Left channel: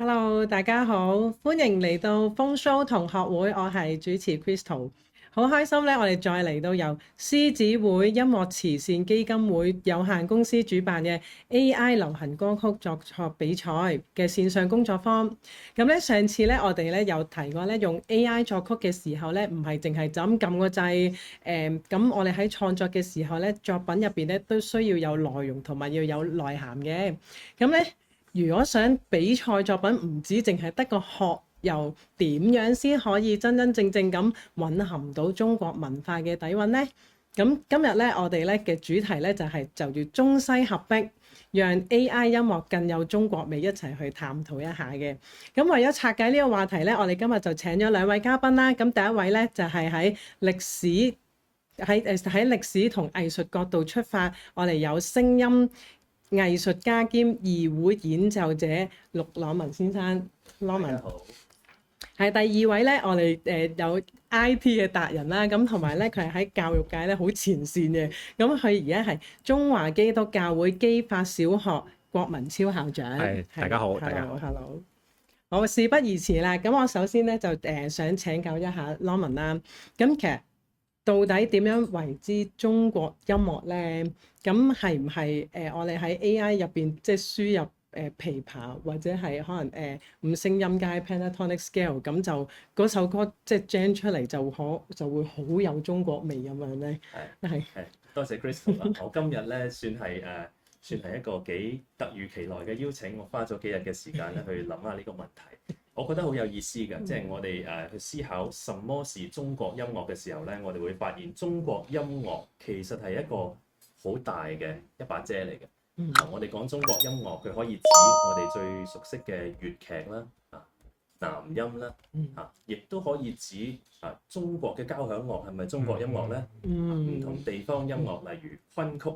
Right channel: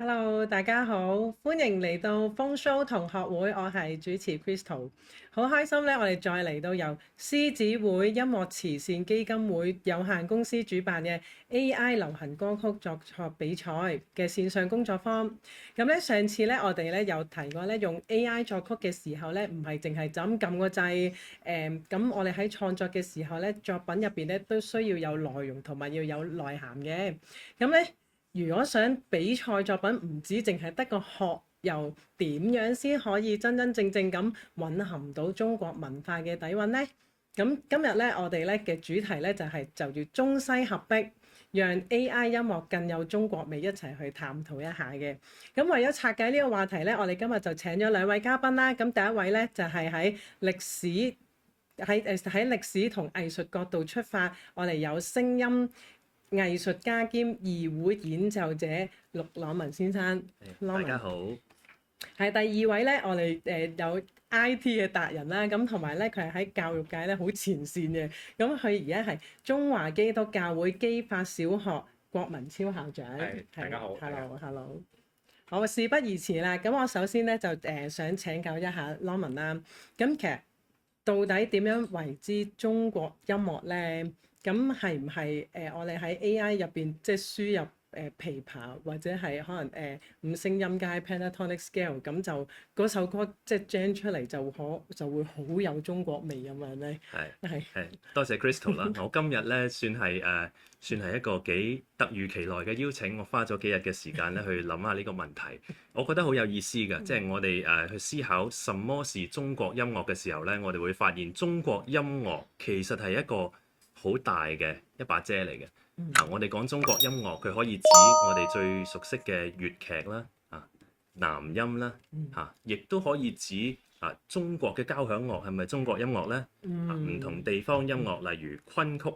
Hello，大家好，歡迎嚟到風騷同學會，我係主持 Crystal，好開心咧，我哋再嚟到由獅子會音樂慈善基金會有限公司主辦嘅 AI 流行歌曲作曲比賽嘅線上工作坊。咁咧上次咧我哋咧有提過咧用 AI 作曲嘅時候咧，唔係淨係就咁撳個掣，咁我哋喺創作嘅時候咧，作品入邊咧都需要有內容同埋要有內涵嘅，咁咧。如果想比賽作品唔止淨係得個學，又點樣先可以真真正正咁蘊含到中國文化嘅底蘊呢？咁今日咧，我哋咧嘅主題咧就叫中西合璧，讓 AI 音樂更有中國味，一齊去探討一下嘅。咁為咗拆解呢個話題咧，我哋今日就請咗兩位嘉賓啦。咁第一位咧就係喺歷史同藝術角度出發，我哋有聲音藝術家兼二胡演奏者陸朗文先生。大家好。係第二位咧，我哋有 IT 嘅達人啦，咁同埋咧佢係喺教育界咧好前線嘅，咁佢而家係中華基督教會基法小學郭文超校長。大家好。Hello。好，事不宜遲啦，咁我首先咧就想請教一下 Norman 啦，咁其實到底點樣為之中國音樂咧？咁係唔係我哋喺 AI 入邊即係輸入琵琶或者係可能五聲音階 pentatonic scale， 咁就嗰首歌即係 gen 出嚟就會好有中國味咁樣咧？係多謝 Crystal 啦。我今日咧算係一個幾突如其來嘅邀請，我花咗幾日嘅時間咧去諗下呢個問題。我覺得好有意思嘅，即係我哋去思考什麼是中國音樂嘅時候咧，我哋會發現中國音樂其實係一個好大嘅一把遮嚟嘅。我哋講中國音樂，佢可以指我哋最熟悉嘅粵劇啦，南音啦，亦都可以指中國嘅交響樂係咪中國音樂呢？唔同地方音樂，例如昆曲、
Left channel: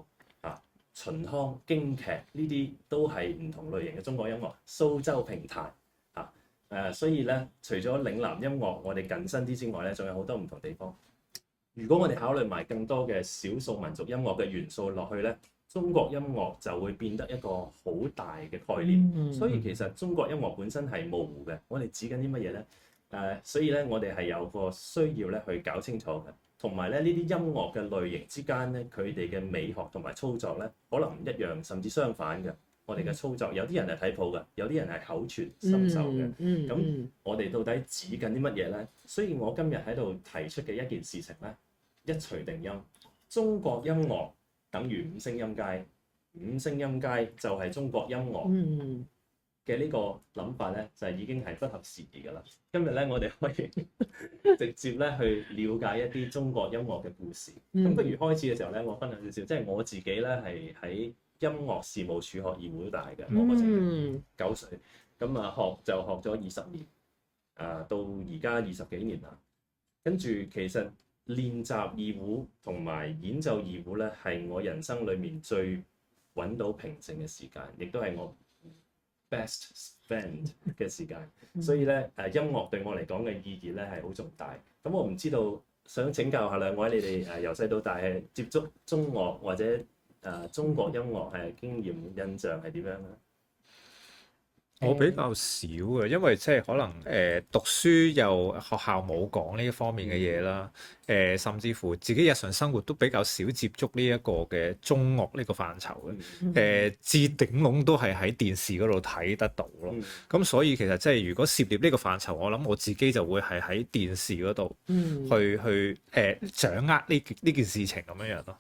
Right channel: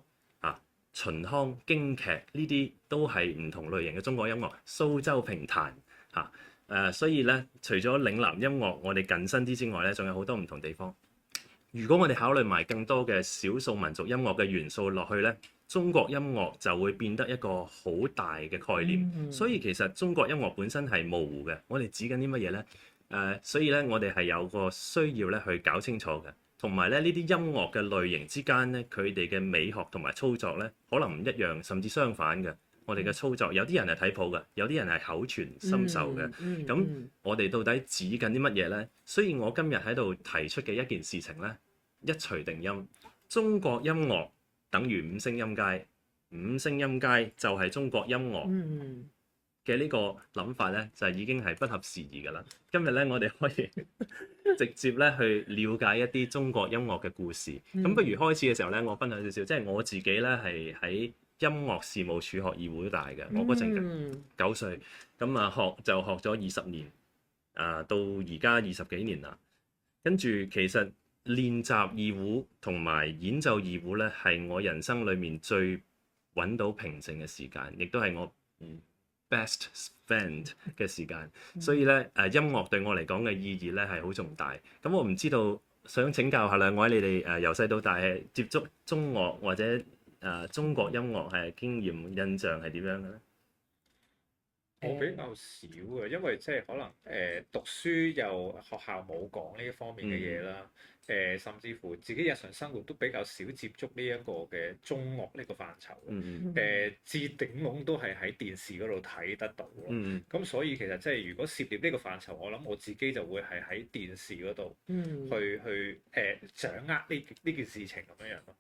秦腔、京劇呢啲都係唔同類型嘅中國音樂。蘇州評彈所以咧，除咗嶺南音樂我哋近身啲之外咧，仲有好多唔同地方。如果我哋考慮埋更多嘅少數民族音樂嘅元素落去咧，中國音樂就會變得一個好大嘅概念。所以其實中國音樂本身係模糊嘅。我哋指緊啲乜嘢呢？所以咧，我哋係有個需要咧去搞清楚嘅。同埋咧，呢啲音樂嘅類型之間咧，佢哋嘅美學同埋操作咧，可能唔一樣，甚至相反嘅。我哋嘅操作，有啲人係睇譜嘅，有啲人係口傳心授嘅。咁我哋到底指緊啲乜嘢呢？所以我今日喺度提出嘅一件事情咧，一錘定音，中國音樂等於五聲音階，五聲音階就係中國音樂嘅呢個諗法咧，就已經係不合時宜㗎啦。今日咧，我哋可以直接咧去了解一啲中國音樂嘅故事。咁不如開始嘅時候咧，我分享少少，即係我自己咧係喺音樂事務處學二胡大嘅。我嗰陣9歲，咁學咗20年，到而家20幾年啦。跟住其實練習二胡同埋演奏二胡咧，係我人生裡面最揾到平靜嘅時間，亦都係我best spend 嘅時間。所以咧音樂對我嚟講嘅意義咧係好重大。咁我唔知道，想請教下兩位，你哋由細到大係接觸中樂或者中國音樂係經驗印象係點樣嘅咧？我比較少嘅，因為即係可能讀書又學校冇講呢一方面嘅嘢啦，甚至乎自己日常生活都比較少接觸呢一個嘅中樂呢個範疇嘅，至頂籠都係喺電視嗰度睇得到咯。咁所以其實即係如果涉獵呢個範疇，我諗我自己就會係喺電視嗰度去掌握呢件事情咁樣樣咯。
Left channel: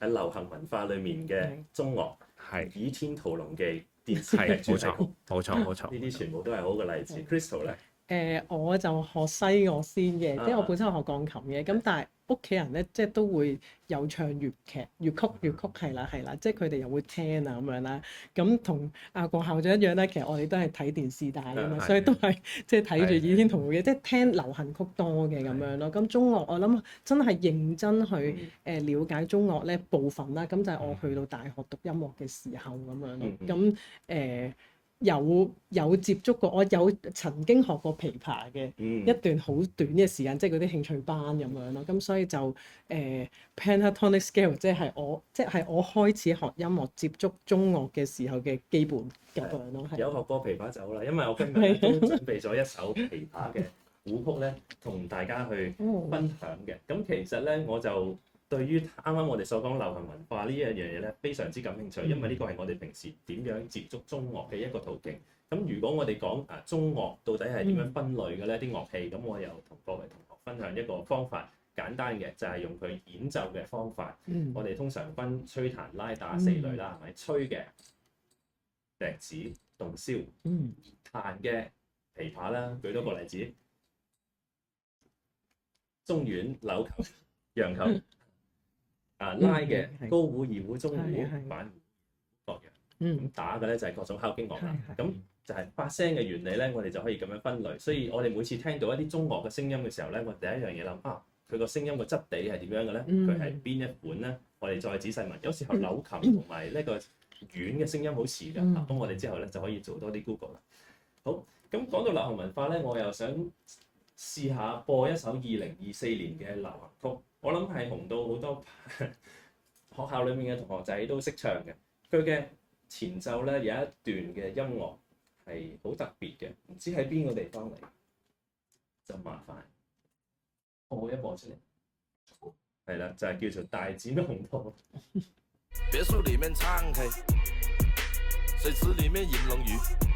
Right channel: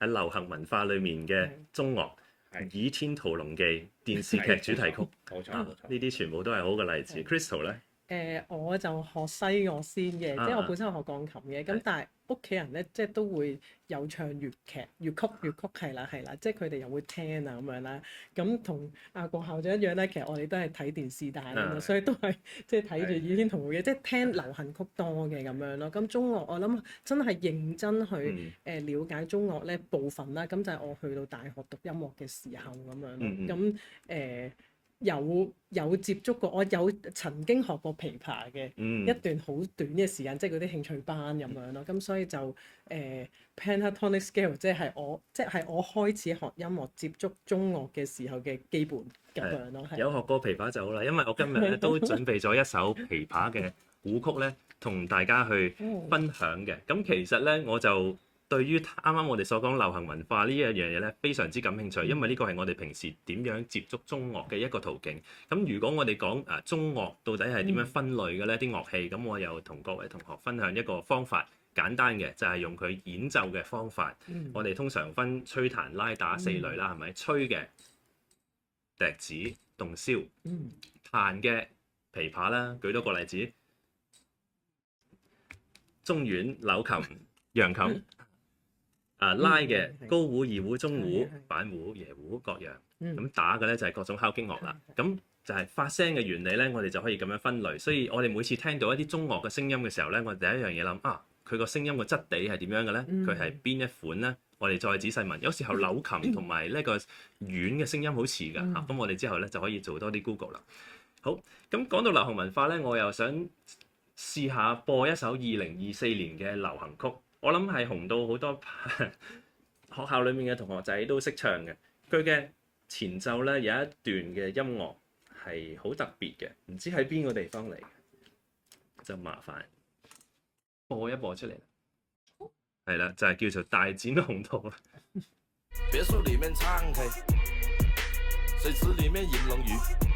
喺流行文化裡面嘅中樂。係《倚天屠龍記》電視劇主題曲，冇錯。呢啲全部都係好嘅例子。Crystal 咧？我就學西樂先嘅，即係我本身學鋼琴嘅，咁但係屋企人咧即係都會有唱粵劇、粵曲係啦，即係佢哋又會聽啊咁樣啦。咁同阿郭校長一樣咧，其實我哋都係睇電視大㗎嘛，所以都係即係睇住《倚天屠龍記》，即係聽流行曲多嘅咁樣咯。咁中樂我諗真係認真去了解中樂咧部分啦，咁就係我去到大學讀音樂嘅時候咁樣咯。咁有接觸過，我有曾經學過琵琶嘅一段好短嘅時間，即係嗰啲興趣班咁樣咯。咁所以就pentatonic scale 即係我開始學音樂接觸中樂嘅時候嘅基本咁樣咯。係有學過琵琶就好啦，因為我今日咧都準備咗一首琵琶嘅古曲咧，同大家去分享嘅。咁其實咧我就對於啱啱我哋所講流行文化呢一樣嘢咧，非常之感興趣，因為呢個係我哋平時點樣接觸中樂嘅一個途徑。咁如果我哋講中樂到底係點樣分類嘅咧？啲樂器，咁我又同各位同學分享一個方法，簡單嘅就係用佢演奏嘅方法。我哋通常分吹彈拉打四類啦，係咪？吹嘅笛子、洞簫，彈嘅琵琶啦，舉多個例子，中阮、柳琴、揚琴。拉嘅高胡、二胡、中胡、板胡、椰胡各樣，咁打嘅咧就係各種敲擊樂啦。咁就係發聲嘅原理咧，我哋就可以咁樣分類。所以我哋每次聽到一啲中樂嘅聲音嘅時候咧，我哋第一樣嘢諗佢個聲音嘅質地係點樣嘅咧？佢係邊一款咧？我哋再仔細問。有時候柳琴同埋呢個阮嘅聲音好似㗎，咁我哋之後咧就可以做多啲 Google 啦。好，咁講到流行文化咧，我又想試下播一首2024年嘅流行曲。我諗係紅到好多學校裏面嘅同學仔都識唱嘅。佢嘅前奏咧有一段嘅音樂係好特別嘅，唔知喺邊個地方嚟，就麻煩播一播出嚟。係啦，就係叫做大展宏圖啦。別墅裡面唱 K， 水池裡面飲龍魚。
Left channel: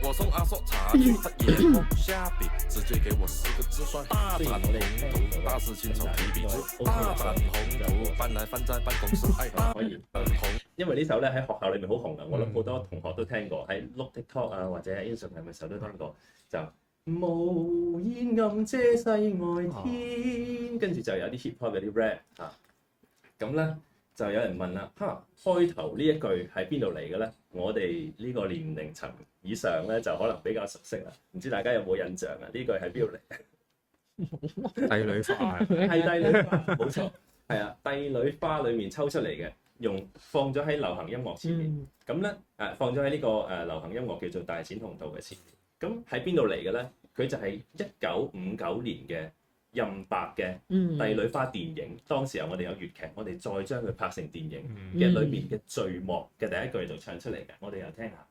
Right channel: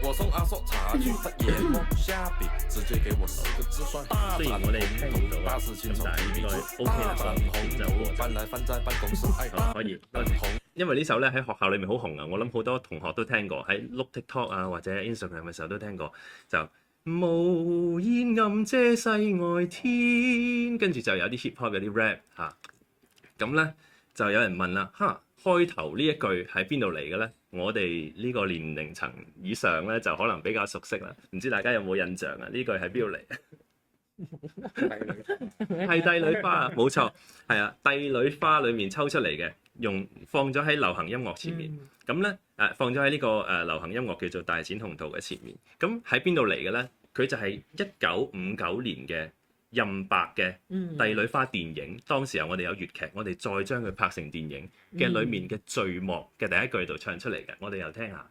我送阿叔茶去他眼光下筆，直接給我4個字算大展宏圖，大肆親手提筆，大展宏圖，搬來翻在辦公室，可以紅。因為呢首咧喺學校裏面好紅啊，我諗好多同學都聽過，喺碌 TikTok 或者 Instagram 嘅時候都聽過，就無煙暗遮世外天，跟住就有啲 hip hop 有啲 rap 咁咧就有人問啦，開頭呢一句喺邊度嚟嘅咧？我哋呢個年齡層以上咧就可能比較熟悉啦，唔知大家有冇印象啊？呢句喺邊度嚟？帝女花係帝女花啊，冇錯，係啊，帝女花裡面抽出嚟嘅，放咗喺流行音樂前面，咁咧放咗喺呢個流行音樂叫做大展宏圖嘅前面，咁喺邊度嚟嘅咧？佢就係1959年嘅任白嘅帝女花電影，當時候我哋有粵劇，我哋再將佢拍成電影嘅裏面嘅序幕嘅第一句度唱出嚟嘅，我哋又聽下。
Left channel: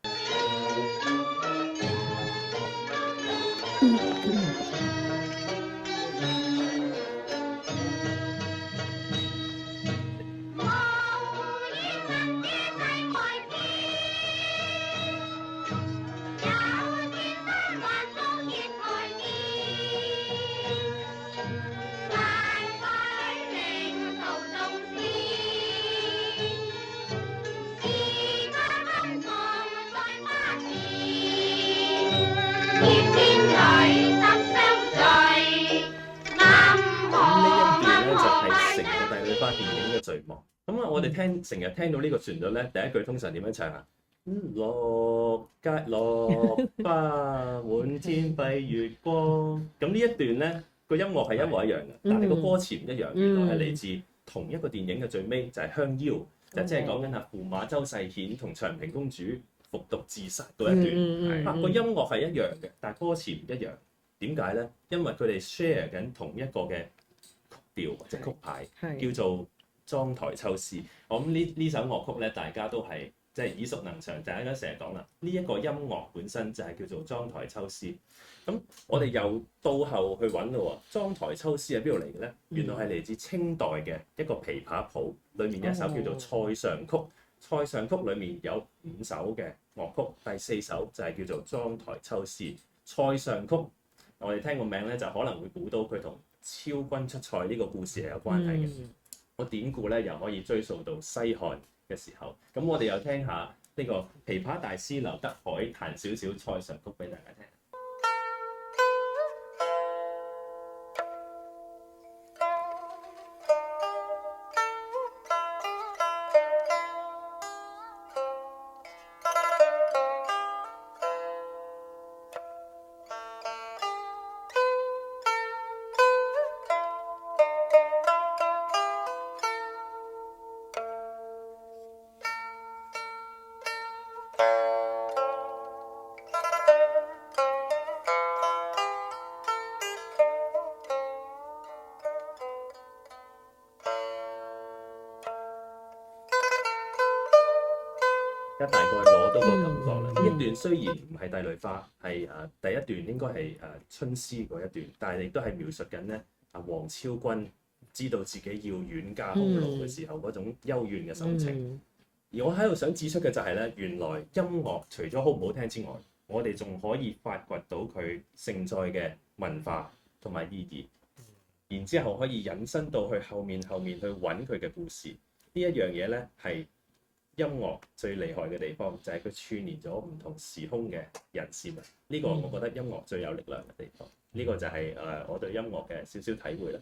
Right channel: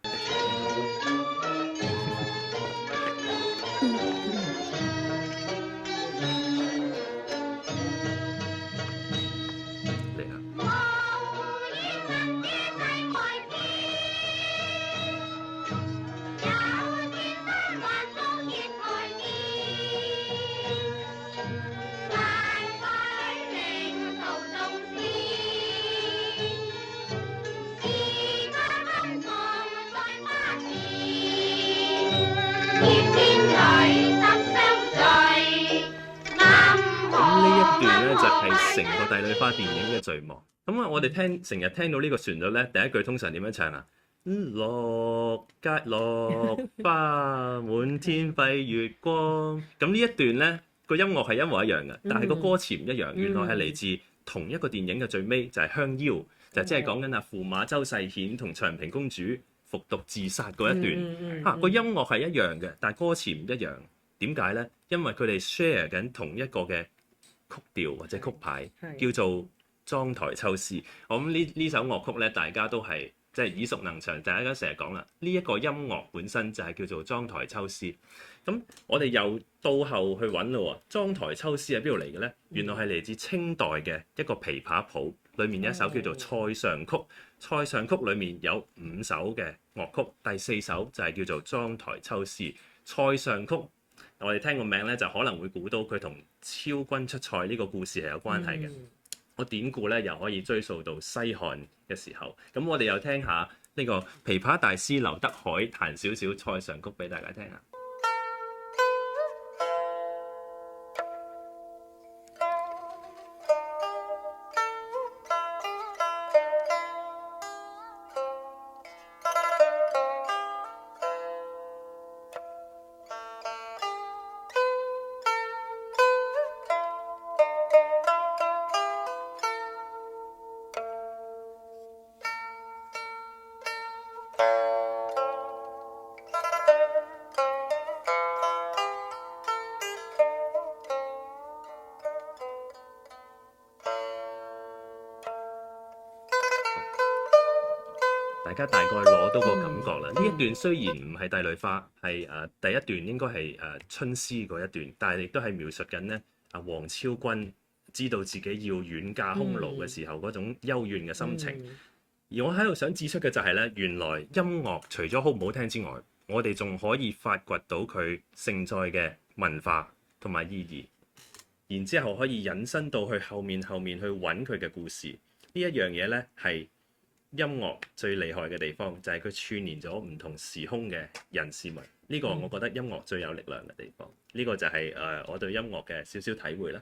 咁我哋成日聽到呢個旋律咧，第一句通常點樣唱啊？落街落花滿天蔽月光。咁呢一段咧個音樂係一模一樣嘅，但係個歌詞唔一樣。原來係嚟自同一個電影嘅最尾，就係香夭，就即係講緊駙馬周世顯同長平公主服毒自殺嗰一段。個音樂係一樣嘅，但係歌詞唔一樣。點解咧？因為佢哋 share 緊同一個嘅曲調或者曲牌，叫做妝台秋思。我諗呢首樂曲咧，大家都係即係耳熟能詳，大家成日講啦。呢一個音樂本身就係叫做妝台秋思。咁我哋又到後去揾咯喎，妝台秋思係邊度嚟嘅咧？原來係嚟自清代嘅一個琵琶譜，裡面有一首叫做《塞上曲》。塞上曲裡面有5首嘅樂曲，第4首就係叫做妝台秋思。塞上曲我哋聽個名咧，就可能會估到佢同昭君出塞呢個故事係有關係嘅。個典故咧又可以追溯到西漢嘅時候。咁我哋又聽下呢個琵琶大師劉德海彈少少塞上曲俾大家聽下。家大概攞到個感覺啦。呢一段雖然唔係帝女花，係第一段應該係春詩嗰一段，但係亦都係描述緊咧王昭君知道自己要遠嫁匈奴嘅時候嗰種幽怨嘅心情。而我喺度想指出嘅就係咧，原來音樂除咗好唔好聽之外，我哋仲可以發掘到佢承載嘅文化同埋意義，然之後可以引申到去後面去揾佢嘅故事。呢一樣嘢咧係音樂最厲害嘅地方，就係佢串連咗唔同時空嘅人事物。呢個我覺得音樂最有力量嘅地方。呢個就係我對音樂嘅少少體會啦。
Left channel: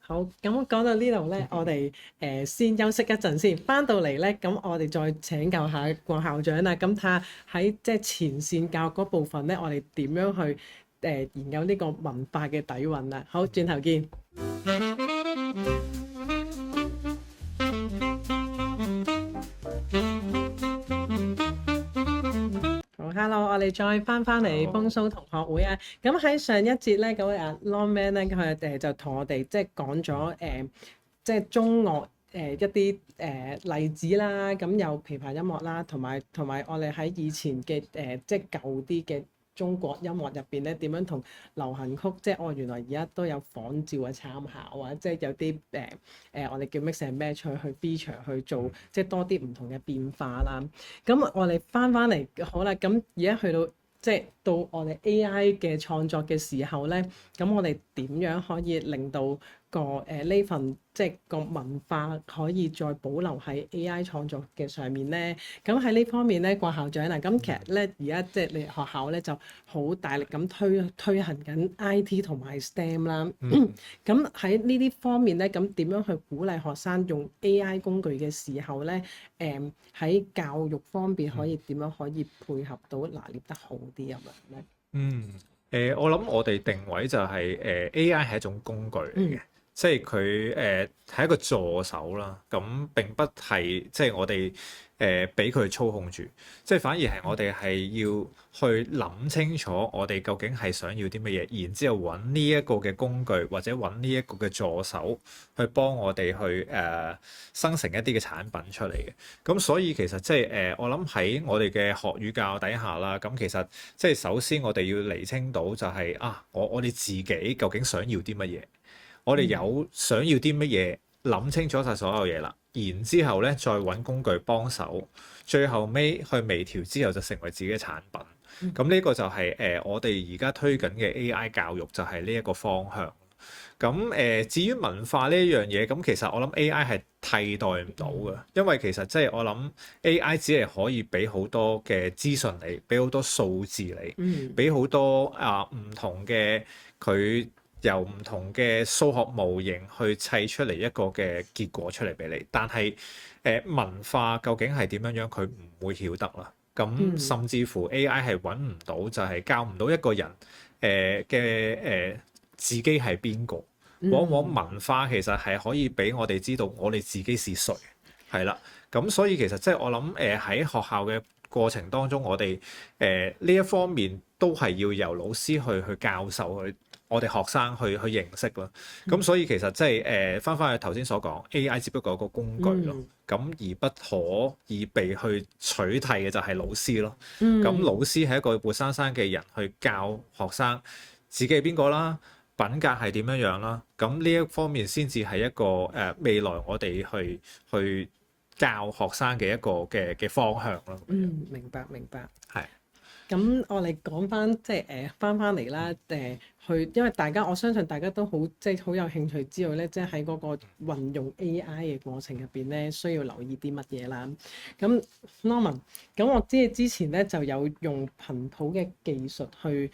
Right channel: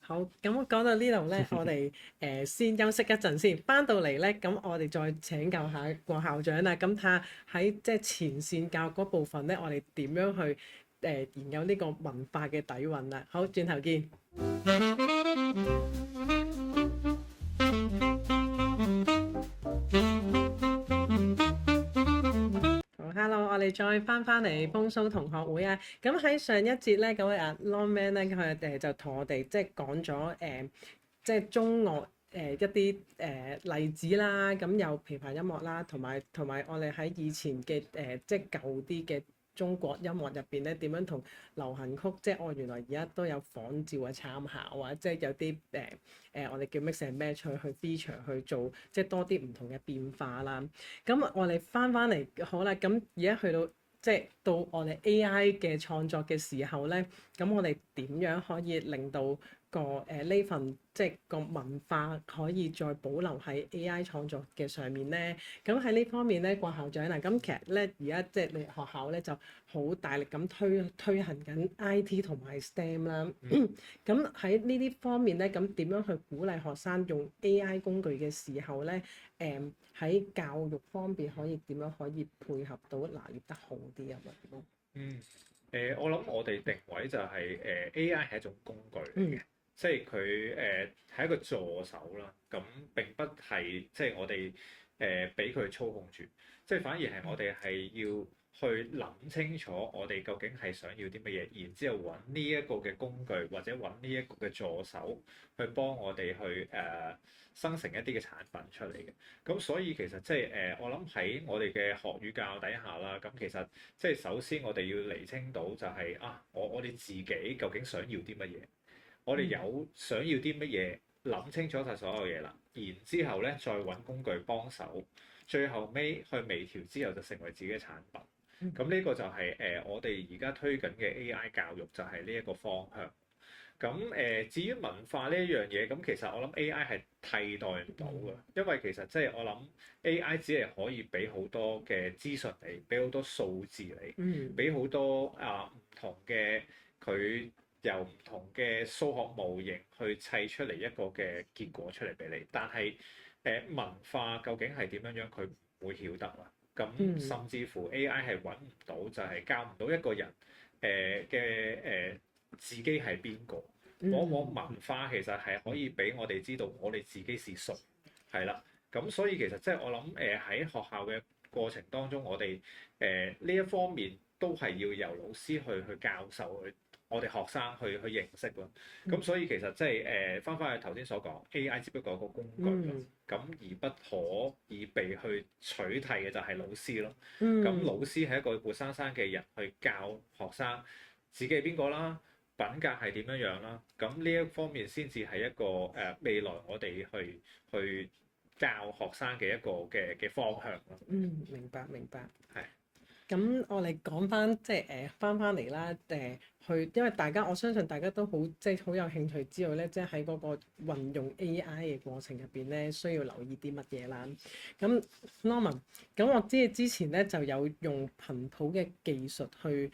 好，咁講到呢度咧，我哋先休息一陣先，翻到嚟咧，咁我哋再請教下郭校長啦。咁睇下喺即係前線教育嗰部分咧，我哋點樣去研究呢個文化嘅底蘊啦。好，轉頭見。Hello，我哋再翻嚟風騷同學會啊！咁喺上一節咧，咁阿 Longman 咧，佢就同我哋即係講咗即係中樂一啲例子啦，咁有琵琶音樂啦，同埋我哋喺以前嘅即係舊啲嘅中國音樂入邊咧，點樣同流行曲即係原來而家都有仿照嘅參考啊！即係有啲我哋叫 mix and match 去 feature 去做，即係多啲唔同嘅變化啦。咁我哋翻嚟好啦，咁而家去到即係到我哋 AI 嘅創作嘅時候咧，咁我哋點樣可以令到呢份即係個文化可以再保留喺 AI 創作嘅上面咧？咁喺呢方面咧，郭校長啊，咁其實咧而家即係你學校咧就好大力咁推行緊 IT 同埋 STEM 啦。咁喺呢啲方面咧，咁點樣去鼓勵學生用 AI 工具嘅時候咧？喺教育方面可以點樣可以配合到拿捏得好啲咁樣咧？我諗我哋定位就係AI 係一種工具嚟嘅。即係佢係一個助手啦，咁並不係即係我哋俾佢操控住，即係反而係我哋係要去諗清楚我哋究竟係想要啲乜嘢，然之後揾呢一個嘅工具或者揾呢一個嘅助手去幫我哋去生成一啲嘅產品出嚟嘅。咁所以其實即係我諗喺我哋嘅學與教底下啦，咁其實即係首先我哋要釐清到就係我哋自己究竟想要啲乜嘢。我哋有想要啲乜嘢，諗清楚晒所有嘢啦，然之後咧再揾工具幫手，最後尾去微調之後就成為自己嘅產品。咁呢個就係我哋而家推緊嘅 AI 教育就係呢一個方向。咁至於文化呢一樣嘢，咁其實我諗 AI 係替代唔到嘅，因為其實即係我諗 AI 只係可以俾好多嘅資訊你，俾好多數字你，俾好多唔同嘅佢。由唔同嘅數學模型去砌出嚟一個嘅結果出嚟俾你，但係文化究竟係點樣樣，佢唔會曉得啦。咁甚至乎 AI 係揾唔到，就係教唔到一個人嘅自己係邊個。往往文化其實係可以俾我哋知道我哋自己是誰，係啦。咁所以其實即係我諗喺學校嘅過程當中，我哋呢一方面都係要由老師去教授去。我哋學生去認識咯，咁所以其實即係翻去頭先所講 AI 只不過係個工具咯，咁而不可以被去取替嘅就係老師咯。咁老師係一個活生生嘅人去教學生自己係邊個啦，品格係點樣樣啦，咁呢一方面先至係一個未來我哋去教學生嘅一個嘅方向咯。明白。係。咁我哋講翻即係翻嚟啦，因為我相信大家都好即係好有興趣知道咧，即係喺嗰個運用 AI 嘅過程入邊咧，需要留意啲乜嘢啦。咁 Norman，咁我知你之前咧就有用頻譜嘅技術去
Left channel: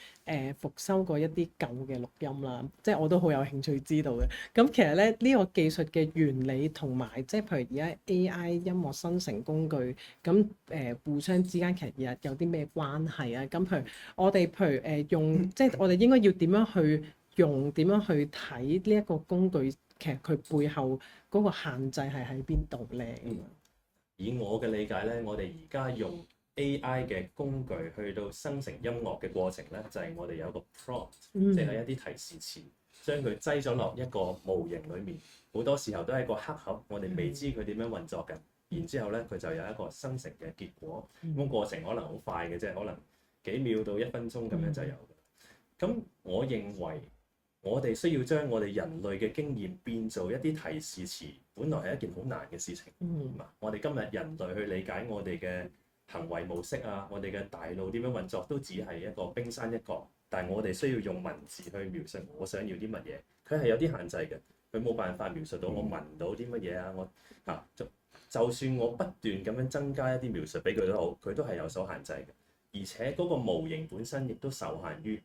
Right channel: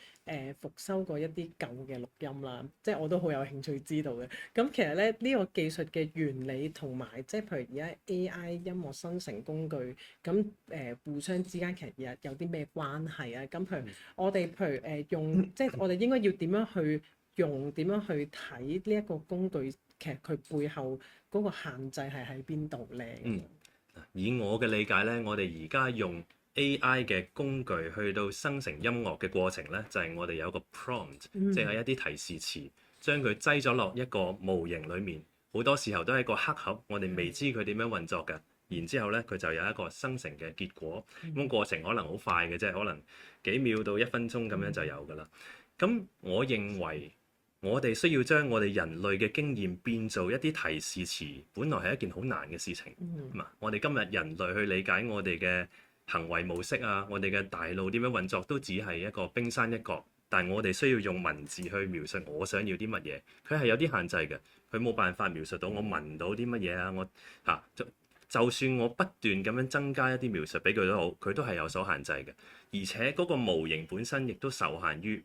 復修過一啲舊嘅錄音啦，即係我都好有興趣知道嘅。咁其實咧呢個技術嘅原理同埋即係譬如而家 AI 音樂生成工具咁互相之間其實有啲咩關係啊？咁譬如我哋用即係我哋應該要點樣去用，點樣去睇呢一個工具，其實佢背後嗰個限制係喺邊度咧？以我嘅理解咧，我哋而家用 AI 嘅工具去到生成音樂嘅過程咧，就係我哋有個 prompt，即係一啲提示詞，將佢擠咗落一個模型裡面。好多時候都係一個黑盒，我哋未知佢點樣運作嘅。然之後咧佢就有一個生成嘅結果。咁過程可能好快嘅啫，可能幾秒到1分鐘咁樣就有㗎啦。咁我認為我哋需要將我哋人類嘅經驗變做一啲提示詞，本來係一件好難嘅事情。我哋今日人類去理解我哋嘅行為模式啊，我哋嘅大腦點樣運作，都只係一個冰山一角。但係我哋需要用文字去描述我想要啲乜嘢，佢係有啲限制嘅，佢冇辦法描述到我聞到啲乜嘢啊，就算我不斷咁樣增加一啲描述俾佢都好，佢都係有所限制嘅。而且嗰個模型本身亦都受限於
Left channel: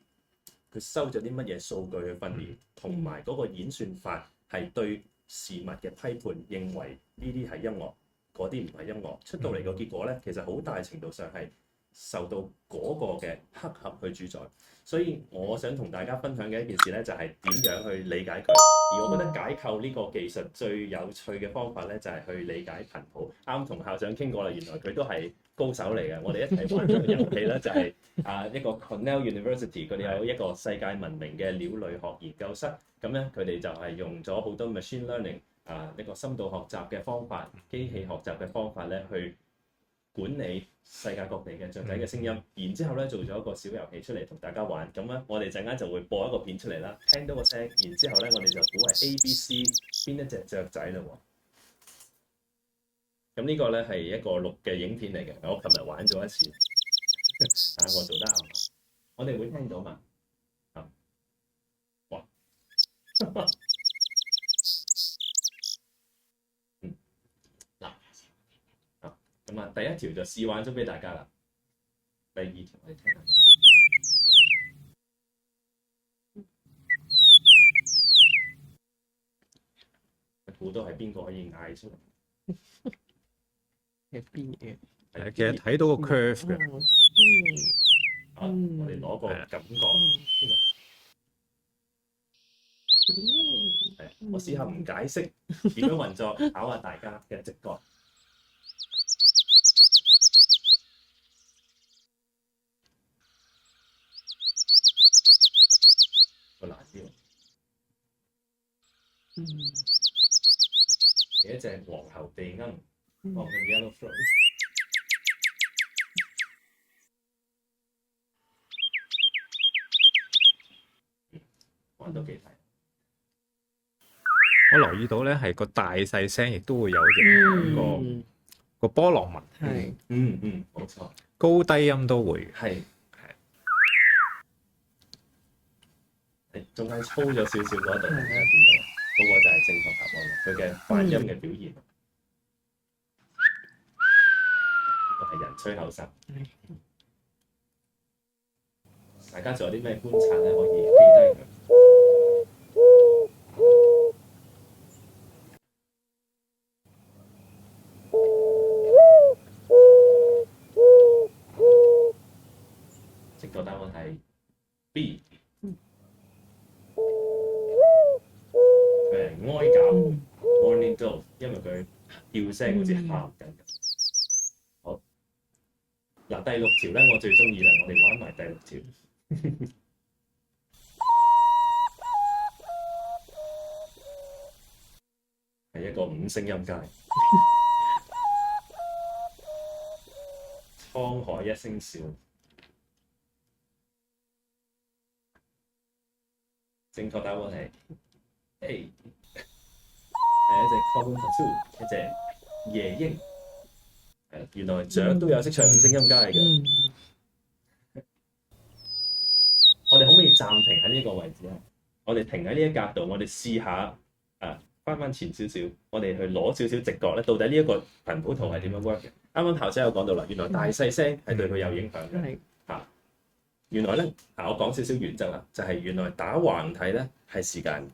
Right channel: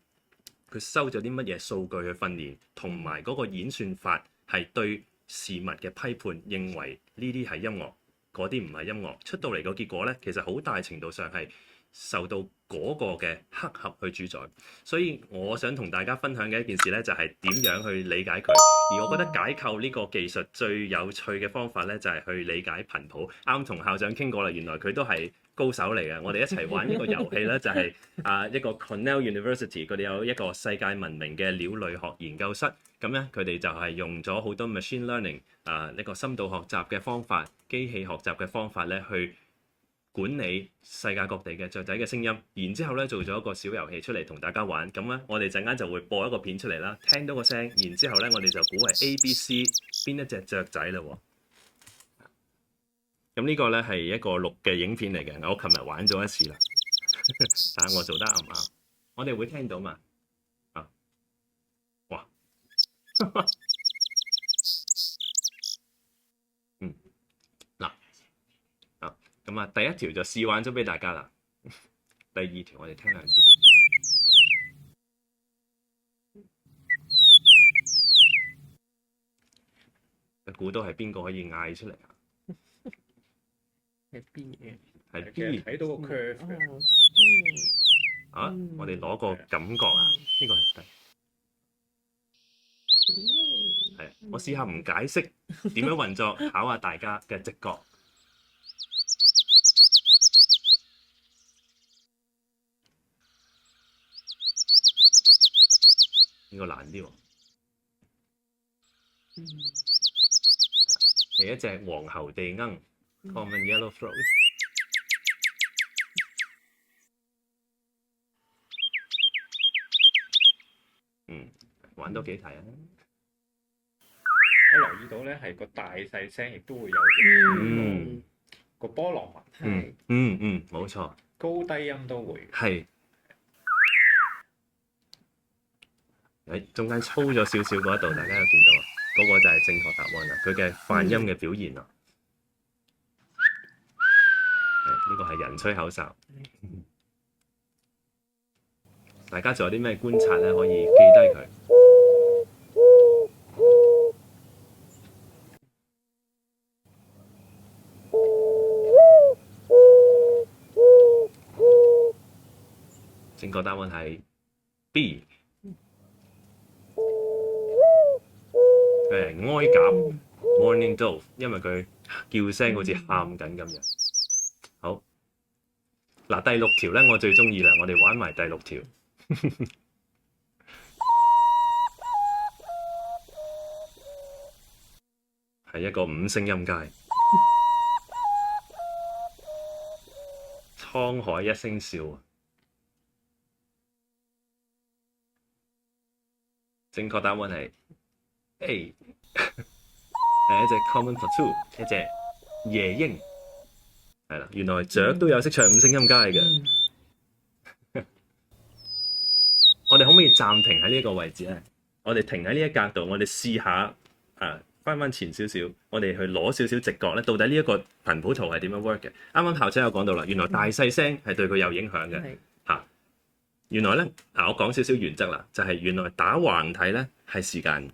佢收咗啲乜嘢數據去訓練，同埋嗰個演算法係對事物嘅批判，認為呢啲係音樂，嗰啲唔係音樂，出到嚟個結果呢，其實好大程度上係受到嗰個嘅黑盒去主宰。所以我想同大家分享嘅一件事呢，就係點樣去理解佢。而我覺得解構呢個技術最有趣嘅方法呢，就係去理解頻譜。啱同校長傾過啦，原來佢都係高手嚟嘅。我哋一齊玩一個遊戲咧，就係一個 Cornell University， 佢哋有一個世界聞名嘅鳥類學研究室。咁咧，佢哋就係用咗好多 machine learning 一個深度學習嘅方法、機器學習嘅方法咧，去管理世界各地嘅雀仔嘅聲音。然之後咧，做咗一個小遊戲出嚟同大家玩。咁咧，我哋陣間就會播一個片出嚟啦，聽到個聲，然之後咧，我哋就估係 A、B、C 邊一隻雀仔啦喎。咁呢個咧係一個錄嘅影片嚟嘅，我琴日玩咗一次啦，但係我做得啱唔啱？我哋會聽到嘛？哇！咁啊，第一條就試玩咗俾大家啦。第二條我哋聽兩次。估到係邊個可以嗌出嚟啊？係邊嘅？係其實睇到個 curve 嘅。我哋攞個感覺啊，呢個係我試下唔解釋點樣運作，考下大家嘅直覺。呢個難啲喎。係一隻黃喉地鶯 ，common yellow throat。玩多幾題啊！我留意到咧，係個大細聲亦都會有個波浪紋。係。冇錯。高低音都會。係。中間粗咗少少嗰一度，大家有見到啊？嗰個就係正確答案啦，佢嘅泛音嘅表現啊。呢個係人吹口哨。大家仲有啲咩觀察咧？可以記低佢。正確答案係 B。佢係哀鴿 （Morning Dove），因為佢叫聲好似喊緊咁樣。好，嗱，第六條咧，我最中意啦，我哋玩埋第六條。係一個5聲音階，滄海一聲笑。正確答案係 A， 係一隻 common cockatoo， 一隻夜鶯。係啦，原來雀都有識唱5聲音階嘅。我哋可唔可以暫停喺呢個位置咧？我哋停喺呢一格度，我哋試下翻前少少，我哋去攞少少直覺咧，到底呢一個頻譜圖係點樣 work 嘅？啱啱校長有講到啦，原來大細聲係對佢有影響嘅。原來咧，我講少少原則啦，就係原來打橫睇咧係時間，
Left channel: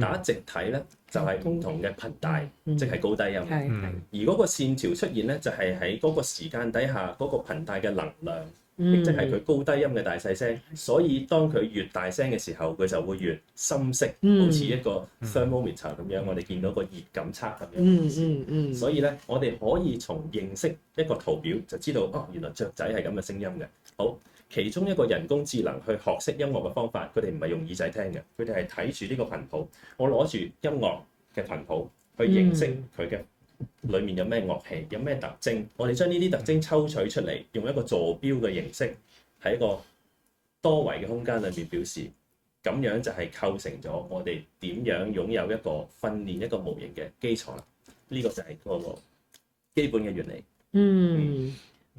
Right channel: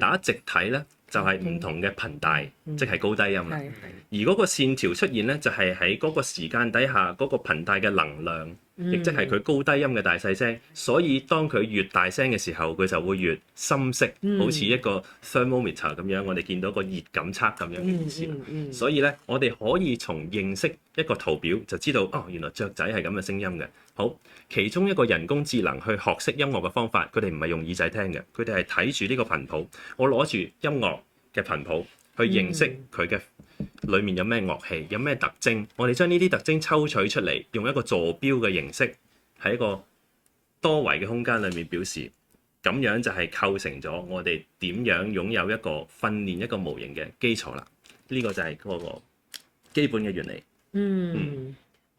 打直睇咧就係唔同嘅頻帶，即係高低音啦。而嗰個線條出現咧，就係喺嗰個時間底下嗰個頻帶嘅能量，亦即係佢高低音嘅大細聲。所以當佢越大聲嘅時候，佢就會越深色，好似一個 thermometer 咁樣，我哋見到個熱感測咁樣嘅意思。所以咧，我哋可以從認識一個圖表就知道，原來雀仔係咁嘅聲音嘅。好。其中一個人工智能去學識音樂嘅方法，佢哋唔係用耳仔聽嘅，佢哋係睇住呢個頻譜。我攞住音樂嘅頻譜去認識佢嘅裡面有咩樂器，有咩特徵，我哋將呢啲特徵抽取出嚟，用一個坐標嘅形式喺一個多維嘅空間裏面表示，咁樣就係構成咗我哋點樣擁有一個訓練一個模型嘅基礎啦。呢個就係嗰個基本嘅原理。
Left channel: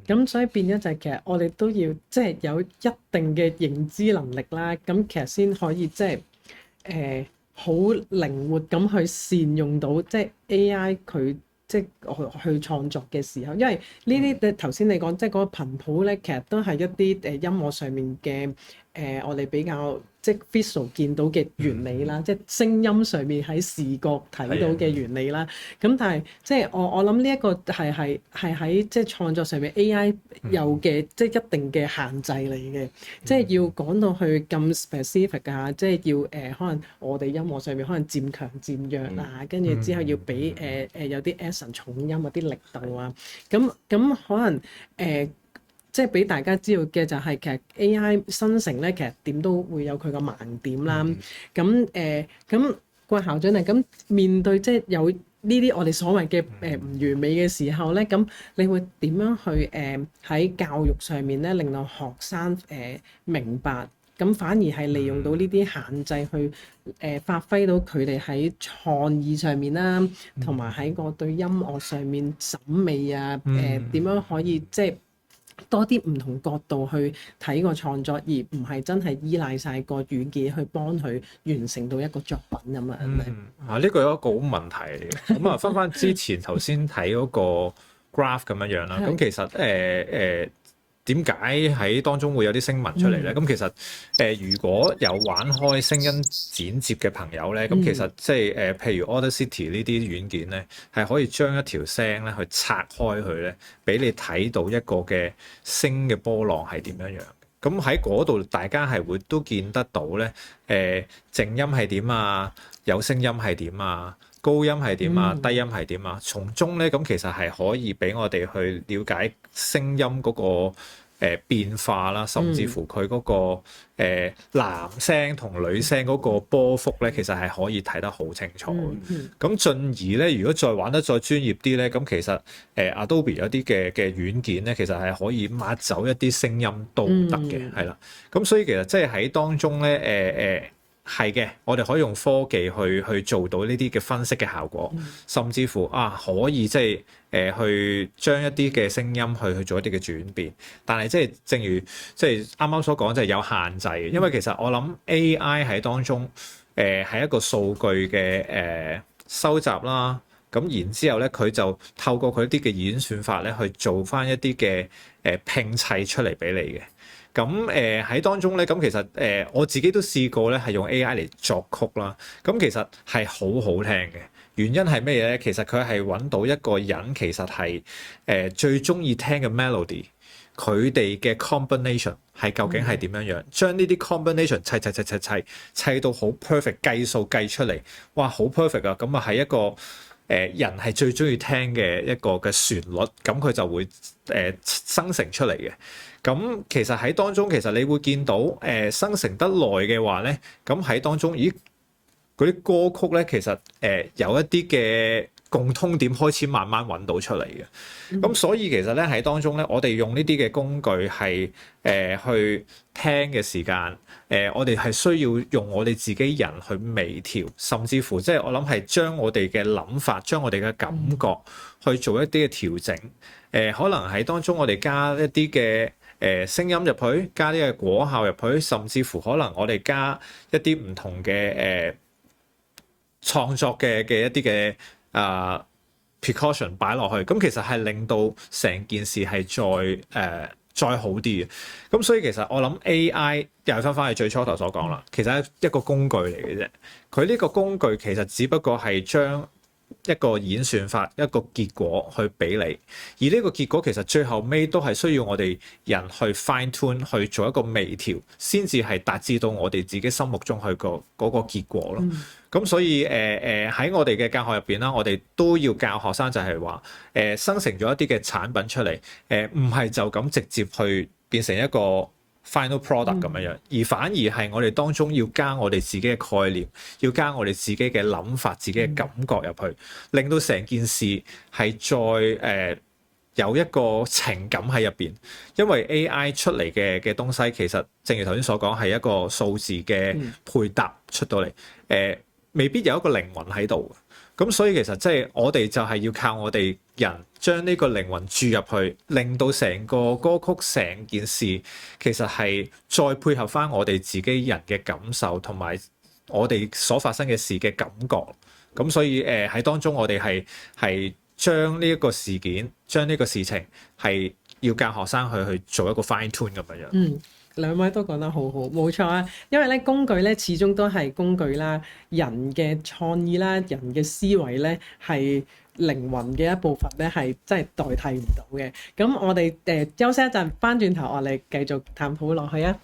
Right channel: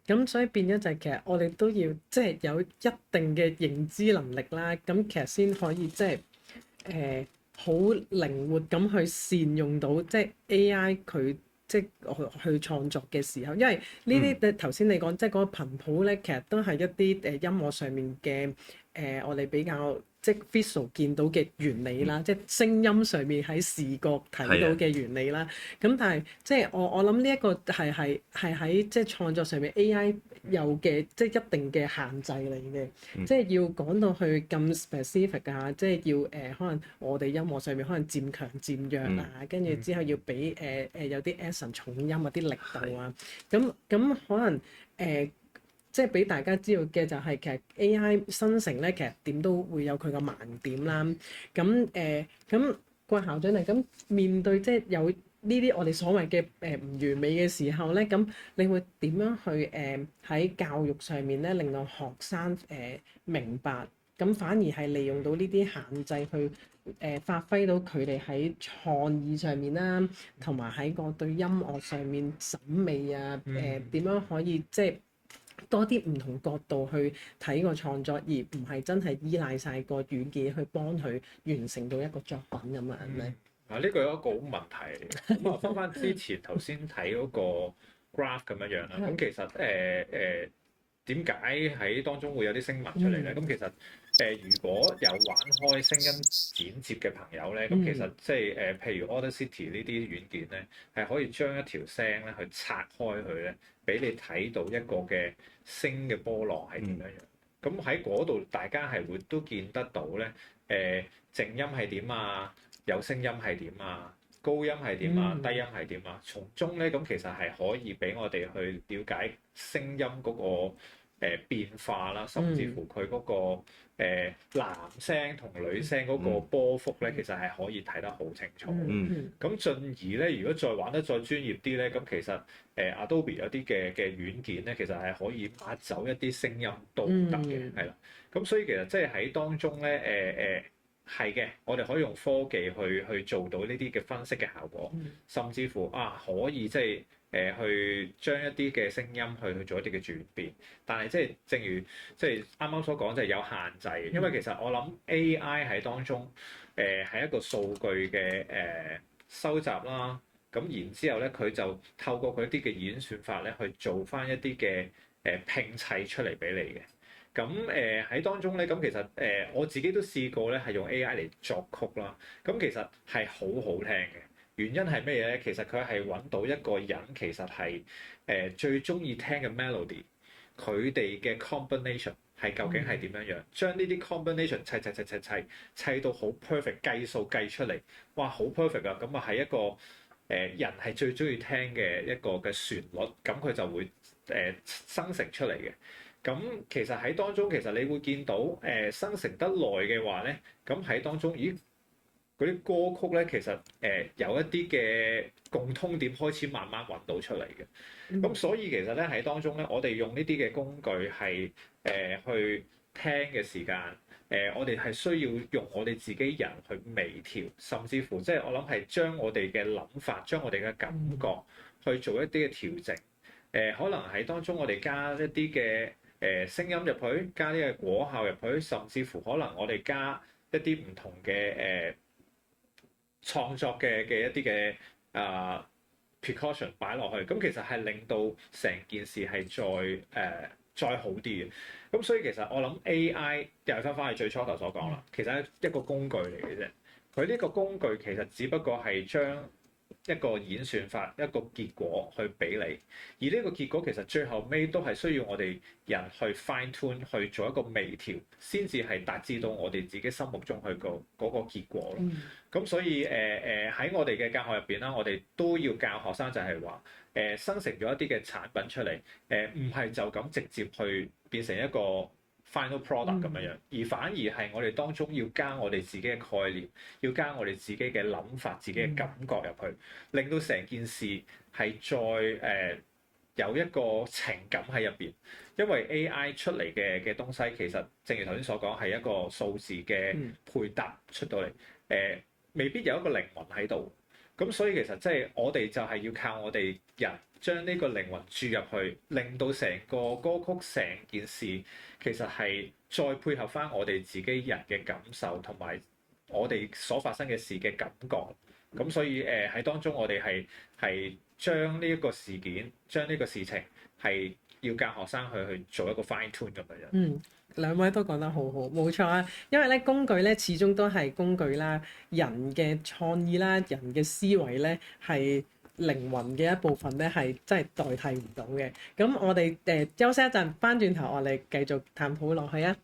咁所以變咗就係其實我哋都要即係有一定嘅認知能力啦，咁其實先可以即係好靈活咁去善用到即係 AI 佢即係去創作嘅時候，因為呢啲頭先你講即係嗰個頻譜咧，其實都係一啲音樂上面嘅我哋比較即係 visual 見到嘅原理啦，即係聲音上面喺視覺睇到嘅原理啦。咁但係即係我諗呢一個係喺即係創作上面 AI 有嘅即係一定嘅限制嚟嘅，即係要講到去咁 specific 啊，即係要可能我哋音樂上面可能漸強漸弱啊，跟住之後要俾有啲 accent 重音啊啲力度啊，咁可能即係俾大家知道嘅就係其實 AI 生成咧，其實點都會有佢個盲點啦。咁郭校長啊，咁面對即係有呢啲我哋所謂嘅唔完美嘅時候咧，咁你會點樣去喺教育上面咧，令到學生明白，咁反而係利用到呢啲限制去發揮到佢哋喺創意上面啦，同埋喺個對音樂上面審美啊，點樣可以即係多啲唔同角度去睇個創作，而唔係真係依賴晒個軟件去幫佢完成到一個作品咁樣咧。呢個有一個好問題嚟嘅。咁啊，分翻之前頭先睇嗰個 graph 咁樣樣啦。咁其實點解喺當中會有啲聲紋出嚟咧？咁其實如果有玩開聲音剪接嘅朋友咧，咁其實即係譬如 Audacity 呢啲軟件咧，係可以將一條聲咧去拆開佢咧，俾你睇到一個嘅聲嘅波浪係點樣樣。咁喺嗰度大家係會都見得到咧，靜音係點啊，有聲音係點啊，高音係點啊，低音係點啊，從中咧咁其實係可以俾我哋去了解聲音嗰個變化啦，甚至乎佢嗰個男聲同女聲嗰個波幅咧，其實係可以睇得好清楚。咁進而咧，如果再玩得再專業啲咧，咁其實Adobe 有啲嘅軟件咧，其實係可以抹走一啲聲音都得嘅，係啦。咁所以其實即係喺當中咧，係嘅，我哋可以用科技去做到呢啲嘅分析嘅效果，甚至乎可以即係去將一啲嘅聲音去做一啲嘅轉變。但係即係正如即係啱啱所講，就係有限制嘅，因為其實我諗 AI 喺當中係一個數據嘅收集啦。咁然之後咧，佢就透過佢啲嘅演算法咧，去做翻一啲嘅拼砌出嚟俾你嘅。咁喺當中咧，咁其實我自己都試過咧，係用 AI 嚟作曲啦。咁其實係好好聽嘅。原因係咩嘢咧？其實佢係揾到一個人其實係最中意聽嘅 melody，佢哋嘅 combination 係究竟係點樣樣？將呢啲 combination 砌到好 perfect， 計數計出嚟，哇好 perfect 啊！咁啊係一個人係最中意聽嘅一個嘅旋律，咁佢就會生成出嚟嘅。咁其實喺當中，其實你會見到生成得耐嘅話咧，咁喺當中，咦嗰啲歌曲咧，其實有一啲嘅共通點開始慢慢揾到出嚟嘅。咁所以其實咧喺當中咧，我哋用呢啲嘅工具係去聽嘅時間，我哋係需要用我哋自己人去微調，甚至乎即係我諗係將我哋嘅諗法、將我哋嘅感覺去做一啲嘅調整。可能喺當中我哋加一啲嘅聲音入去，加啲嘅果效入去，甚至乎可能我哋加一啲唔同嘅創作嘅一啲嘅precaution 擺落去，咁其實係令到成件事係再好啲嘅。咁所以其實我諗 AI 又係翻去最初頭所講啦，其實係一個工具嚟嘅啫。佢呢個工具其實只不過係將一個演算法一個結果去俾你，而呢個結果其實最後尾都係需要我哋人去 fine tune 去做一個微調，先至係達至到我哋自己心目中去嗰個結果咯。咁所以喺我哋嘅教學入邊啦，我哋都要教學生就係話生成咗一啲嘅產品出嚟，唔係就咁直接去變成一個 final product 咁樣樣，而反而係我哋當中要加我哋自己嘅概念，要加我哋自己嘅諗法、自己嘅感覺入去，令到成件事係再有一個情感喺入邊。因為 AI 出嚟嘅東西其實正如頭先所講係一個數字嘅配搭出到嚟，未必有一個靈魂喺度。咁所以其實即係我哋就係要靠我哋人將呢個靈魂注入去，令到成個歌曲成件事其實係再配合翻我哋自己人嘅感受同埋我哋所發生嘅事嘅感覺。咁所以喺當中我哋係將呢一個事件，將呢個事情係要教學生去做一個 fine tune 咁樣樣。兩位都講得好好，冇錯啊！因為咧工具咧始終都係工具啦，人嘅創意啦，人嘅思維咧係靈魂嘅一部分咧，係真係代替唔到嘅。咁我哋休息一陣，翻轉頭我哋繼續探討落去啊！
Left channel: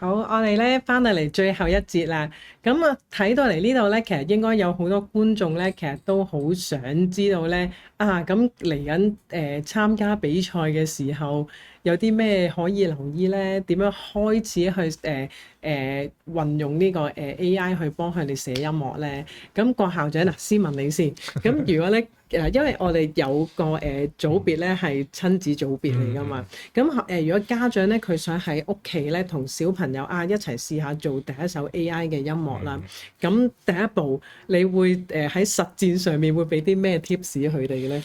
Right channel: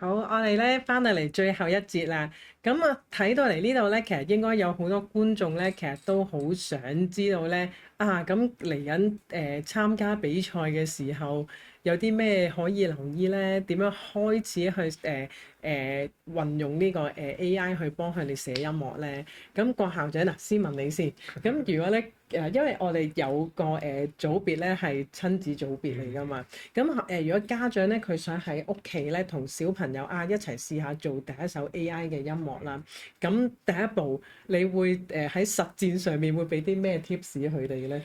好，我哋咧翻到嚟最後一節啦。咁啊，睇到嚟呢度咧，其實應該有好多觀眾咧，其實都好想知道咧，咁嚟緊參加比賽嘅時候有啲咩可以留意咧？點樣開始去運用呢個AI 去幫佢哋寫音樂咧？咁郭校長嗱，先問你先。咁如果咧因為我哋有個組別咧係親子組別嚟㗎嘛，咁如果家長咧佢想喺屋企咧同小朋友一齊試下做第一首 AI 嘅音樂啦，咁第一步你會喺實戰上面會俾啲咩 tips 佢哋嘅咧？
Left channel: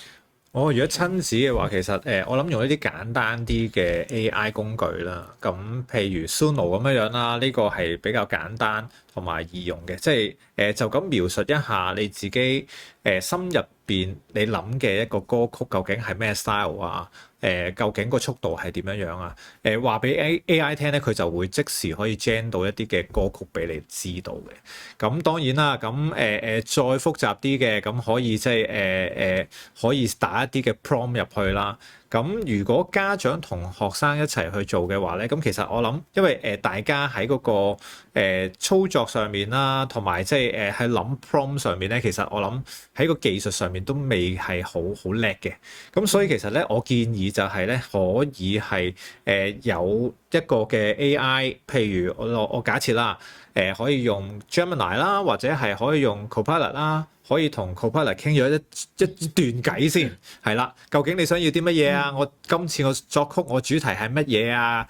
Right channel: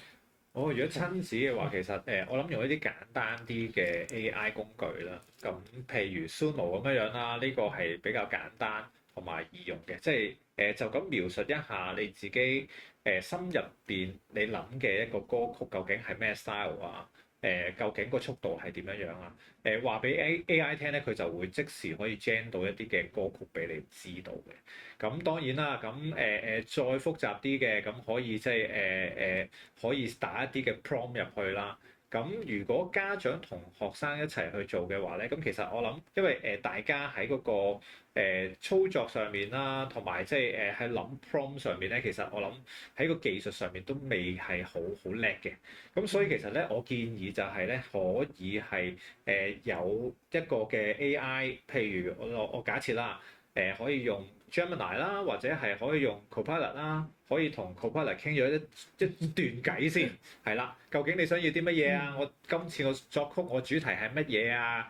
如果親子嘅話，其實我諗用一啲簡單啲嘅 AI 工具啦，咁譬如 Suno 咁樣啦，呢個係比較簡單同埋易用嘅，即係就咁描述一下你自己心入邊你諗嘅一個歌曲究竟係咩 style 啊？究竟個速度係點樣樣啊？話俾 AI 聽咧，佢就會即時可以 gen 到一啲嘅歌曲俾你知道嘅。咁當然啦，咁再複雜啲嘅，咁可以即係可以打一啲嘅 prompt 入去啦。咁如果家長同學生一齊去做嘅話咧，咁其實我諗，因為大家喺嗰個操作上面啦，同埋即係喺諗 prompt 上面咧，其實我諗喺個技術上面都未係好叻嘅。咁所以其實咧，我建議就係咧，可以係有一個嘅 AI，譬如我假設啦，可以用 Gemini 啦，或者係可以用 Copilot 啦。可以同 Copilot 傾咗一段偈先，係啦。究竟你想要啲乜嘢啊？我今次我作曲我主題係乜嘢啊？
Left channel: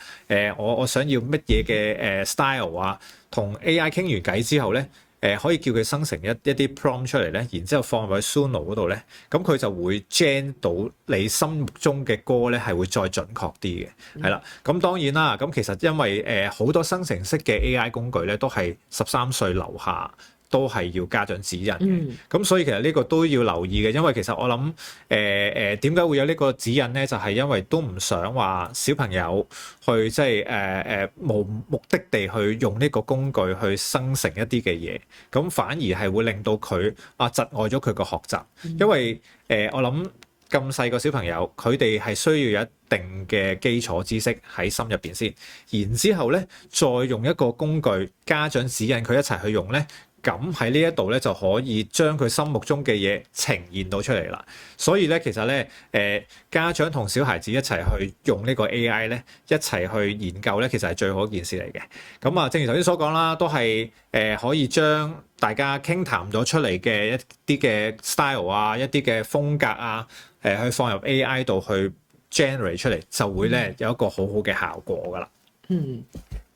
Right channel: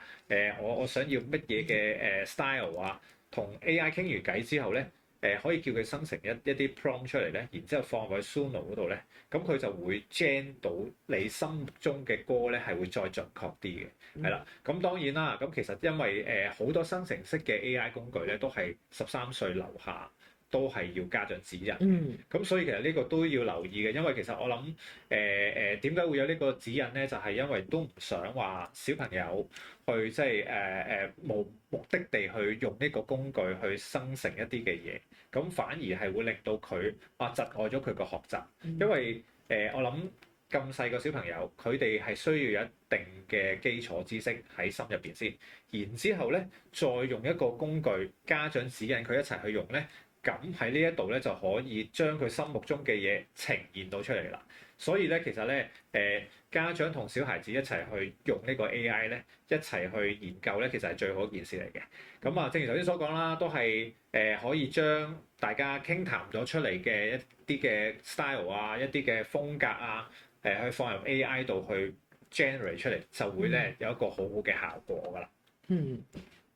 我想要乜嘢嘅style 啊？同 AI 傾完偈之後咧，可以叫佢生成一啲 prompt 出嚟咧，然之後放入去 Suno 嗰度咧，咁佢就會 gen 到你心目中嘅歌咧，係會再準確啲嘅，係啦。咁當然啦，咁其實因為好多生成式嘅 AI 工具咧，都係13歲樓下。都係要家長指引嘅，咁所以其實呢個都要留意嘅，因為其實我諗點解會有呢個指引咧？就係因為都唔想話小朋友去即係無目的地去用呢個工具去生成一啲嘅嘢，咁反而係會令到佢窒礙咗佢個學習，因為我諗咁細個小朋友佢哋係需要有一定嘅基礎知識喺心入邊先，然之後咧再用一個工具家長指引佢一齊去用咧。咁喺呢一度咧就可以將佢心目中嘅嘢呈現到出嚟啦。所以咧其實咧家長同小孩子一齊去用呢個 AI 咧，一齊去研究咧，其實係最好一件事嚟嘅。咁正如頭先所講啦，都係可以將大家傾談咗出嚟嘅一啲嘅 style 啊，一啲嘅風格啊，去放入 AI 度去 generate 出嚟，就會咧有一個好好嘅效果㗎啦。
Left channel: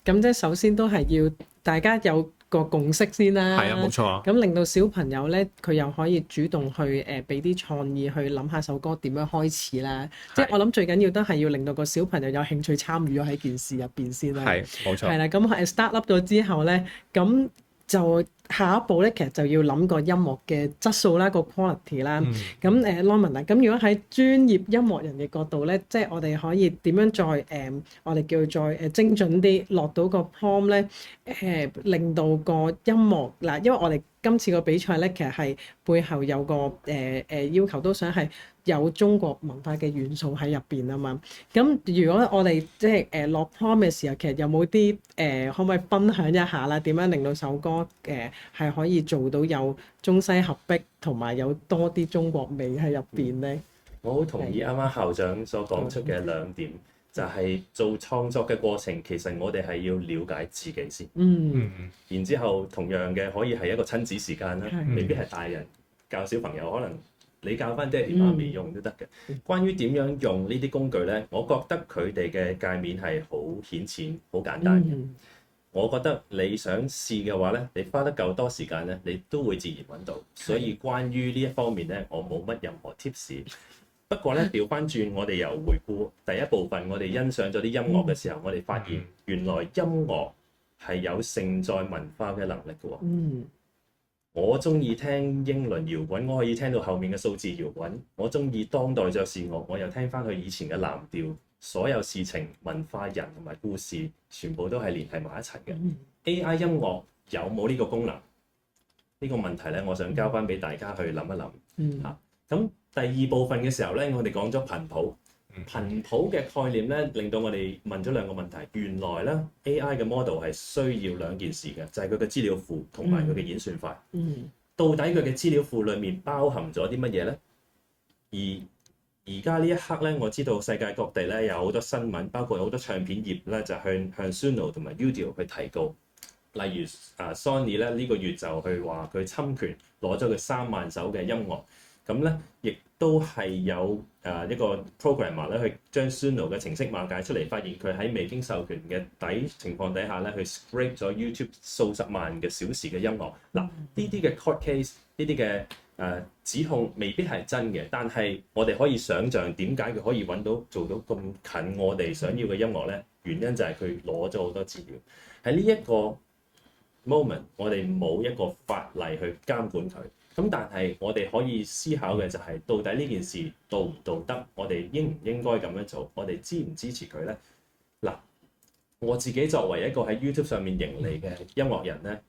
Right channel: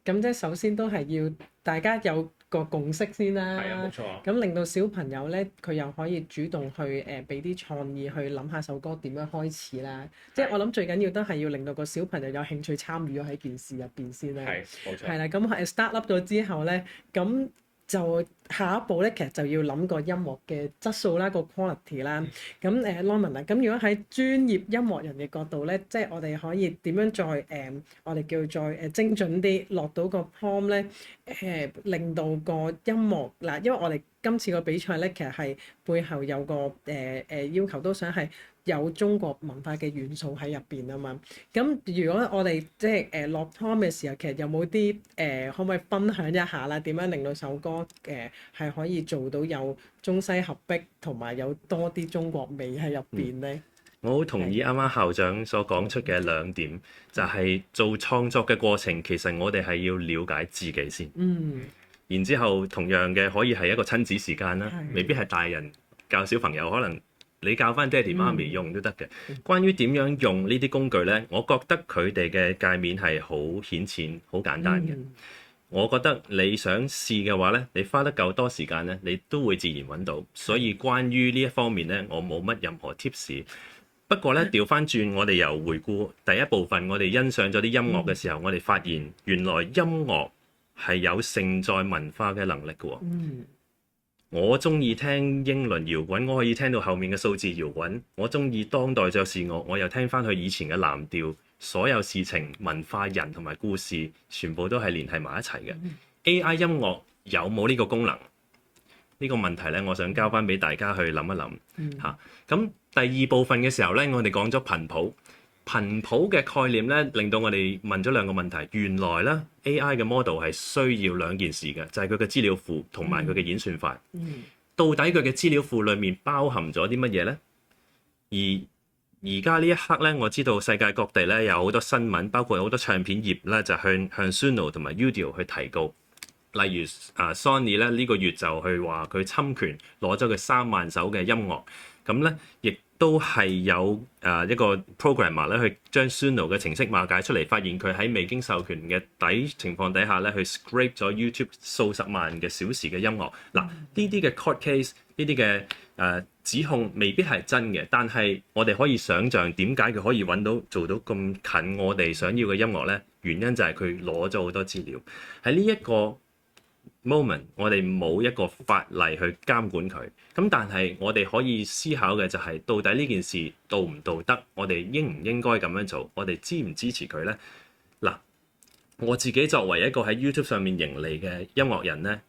咁即係首先都係要大家有個共識先啦，係啊，冇錯。咁令到小朋友咧，佢又可以主動去俾啲創意去諗下首歌點樣開始啦。即係我諗最緊要都係要令到個小朋友有興趣參與咗喺件事入邊先啦。係，冇錯。係啦，咁start up 咗之後咧，咁就下一步咧，其實就要諗個音樂嘅質素啦，個 quality 啦。咁Norman 啊，咁如果喺專業音樂人嘅角度咧，即係我哋可以點樣再我哋叫再精準啲落到個 prompt 咧，令到個音樂嗱，因為我哋今次個比賽咧，其實係背後有個要求，都想係有中國文化嘅元素喺入邊啊嘛。咁如果我哋即係落 prompt 嘅時候，其實有冇啲可唔可以分享一下啦？點樣令到首歌係可以做到有中西合璧，同埋有多啲中國味喺入邊咧？我好同意啱啱校長所講出嘅兩點，就係做創作嘅過程，其實我哋係要了解自己先。然之後同樣嘅可以係一個親子時間啦，未必係大人教小朋友，可能你教翻爹哋媽咪用都得嘅。關於點樣用呢啲工具呢，我覺得佢哋嘅界面係好顯淺、好簡單嘅。我覺得你想試嘅話呢，你花得夠多時間呢，你都會自然揾到。所以關於呢一方面呢，我冇乜任何 tips。不過咧，調翻轉，我哋由回顧第一部分，我哋欣賞咗啲音樂嘅時候，我哋發現原來音樂係有承載文化嘅能力嘅喎。我中意聽英倫搖滾，我可以聽到後面嘅數字搖滾。我中意當代爵士樂，我又聽翻佢以前嘅藍調。所有事情、文化、人同埋故事，全部都係連繫埋一齊嘅。AI 音樂有冇呢個功能？呢個問題咧，我想交翻俾大家去諗一諗嚇。咁第二部分嘅時候咧，我哋講咗頻譜。頻譜嘅概念咧，令到我哋問咗兩個問題。原來咧 AI 嘅 model 係需要兩件事嘅，就係佢嘅資料庫同埋佢嘅演算法。到底佢嘅資料庫裡面包含咗啲乜嘢咧？而家呢一刻咧，我知道世界各地咧有好多新聞，包括好多唱片業咧就向 Suno 同埋 Udio 去提告。例如Sony 咧呢個月就去話佢侵權攞咗佢3萬首嘅音樂。咁咧，亦都係有一個 programmer 咧，去將 Suno 嘅程式碼解出嚟，發現佢喺未經授權嘅情況底下咧，去 scrape 咗 YouTube 數十萬嘅小時嘅音樂。嗱，呢啲嘅 court case，呢啲嘅指控未必係真嘅，但係我哋可以想像點解佢可以揾到做到咁近我哋想要嘅音樂咧？原因就係佢攞咗好多資料。喺呢一個 moment， 我哋冇一個法例去監管佢。咁但係我哋可以思考嘅就係，到底呢件事道唔道德？我哋應唔應該咁樣做？我哋支唔支持佢呢？嗱，我自己作為一個喺 YouTube 上面盈利嘅音樂人呢，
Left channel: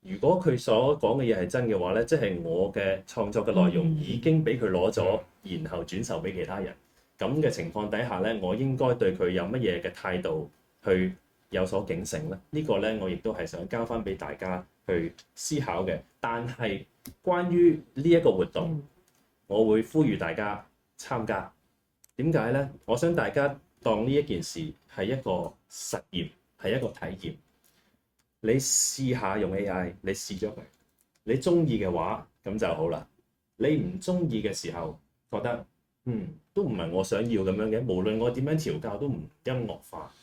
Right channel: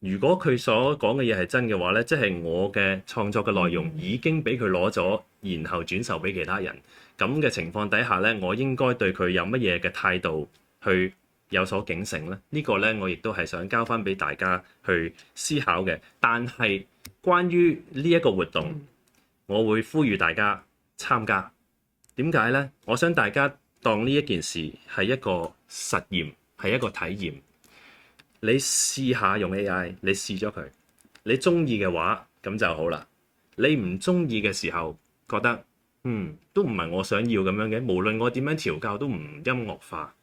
如果佢所講嘅嘢係真嘅話呢，即係我嘅創作嘅內容已經俾佢攞咗，然後轉售俾其他人。咁嘅情況底下呢，我應該對佢有乜嘢嘅態度去有所警醒呢？呢個呢，我亦都係想交翻俾大家去思考嘅。但係關於呢一個活動，我會呼籲大家參加。點解呢？我想大家當呢一件事係一個實驗，係一個體驗。你試下用 AI，你試咗佢，你中意嘅話咁就好啦。你唔中意嘅時候，覺得都唔係我想要咁樣嘅，無論我點樣調教都唔音樂化。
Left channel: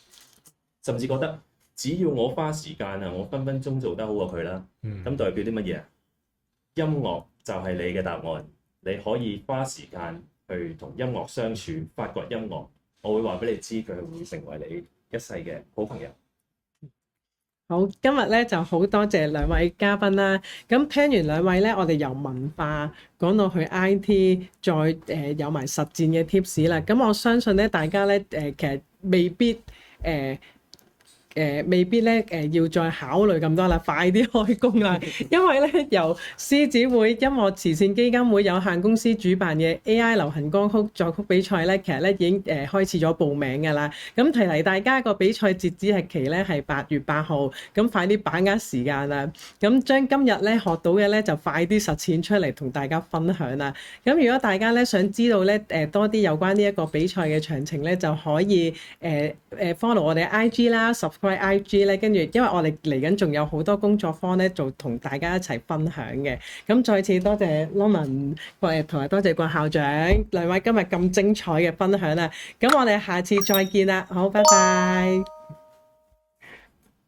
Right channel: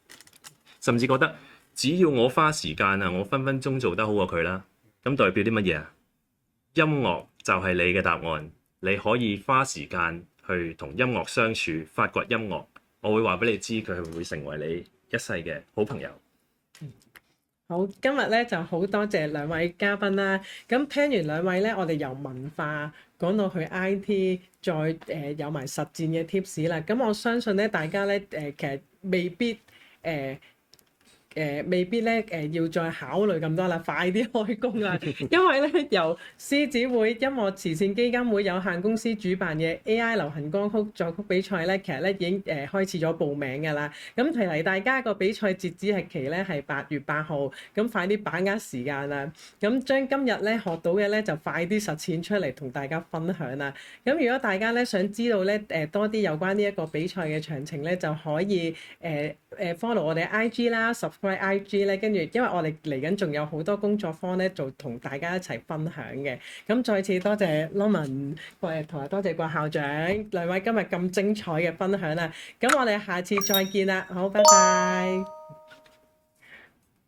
甚至覺得只要我花時間啊，我分分鐘做得好過佢啦。咁代表啲乜嘢啊？音樂就係你嘅答案，你可以花時間去同音樂相處，發掘音樂。我會話俾你知，佢會成為你一世嘅好朋友。好，今日咧就好多謝兩位嘉賓啦。咁聽完兩位咧，我哋由文化講到去 IT， 再有埋實戰嘅 tips 啦。咁我相信咧，大家咧其實未必未必咧要再考慮咁多啦，快啲開工啦！因為咧由獅子會音樂慈善基金會有限公司主辦嘅 AI 流行歌曲作曲比賽咧，其實咧已經開始咗報名㗎啦。咁提提大家個比賽截止日期咧係8月8號，咁快啲把握時間啦！咁將今日咧學到嘅咧就快啲實踐出嚟同大家分享啦。咁如果大家咧想知道咧多啲有關呢一個比賽嘅詳情咧，就可以follow 我哋 IG 啦，IG 咧，跟住因為我哋嚟緊仲有好多工作坊咧，做同大家一齊分享嘅。咁再次多謝 Norman 同埋多謝郭校長兩位今日咁精彩嘅分享啦。咁我哋下次再見啦，好，拜拜。